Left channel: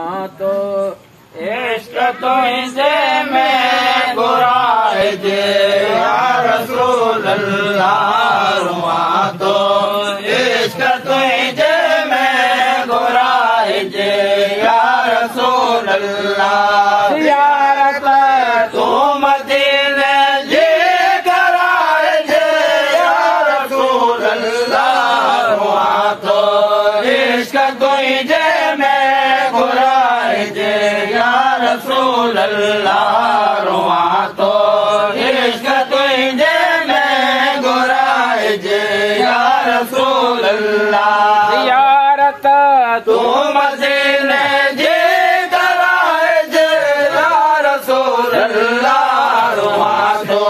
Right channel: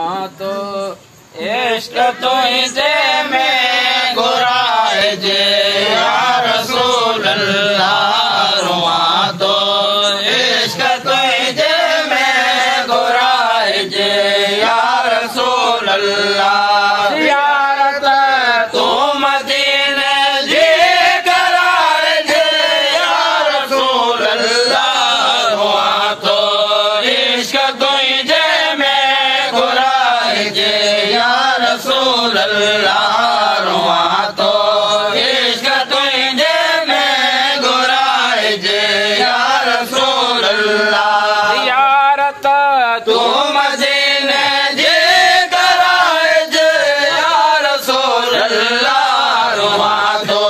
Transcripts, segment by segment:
तो इश्क तुझे में गुराए जे या रसूल अल्लाह रुआ तो इश्क तुझे में गुराए जे या रसूल अल्लाह यारत तू मदीने जी कराए जे या रसूल अल्लाह रुआ तो इश्क तुझे में गुराए जे या रसूल अल्लाह रुआ तो इश्क तुझे में गुराए जे या रसूल अल्लाह यारत तू मदीने जी कराए जे या रसूल अल्लाह रुआ तो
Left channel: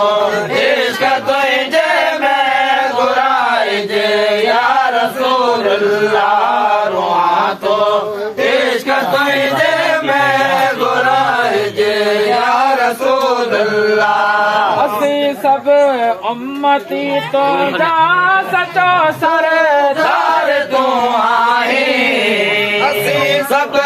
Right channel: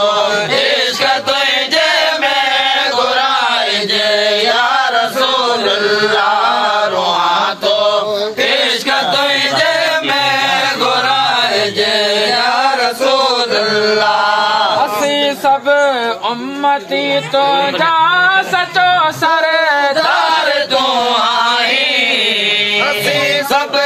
इश्क तुझे में गुराए जे या रसूल अल्लाह रुआ तो इश्क तुझे में गुराए जे या रसूल अल्लाह असी सब उम्मती तो जा सचो सरदार तू आई असी सब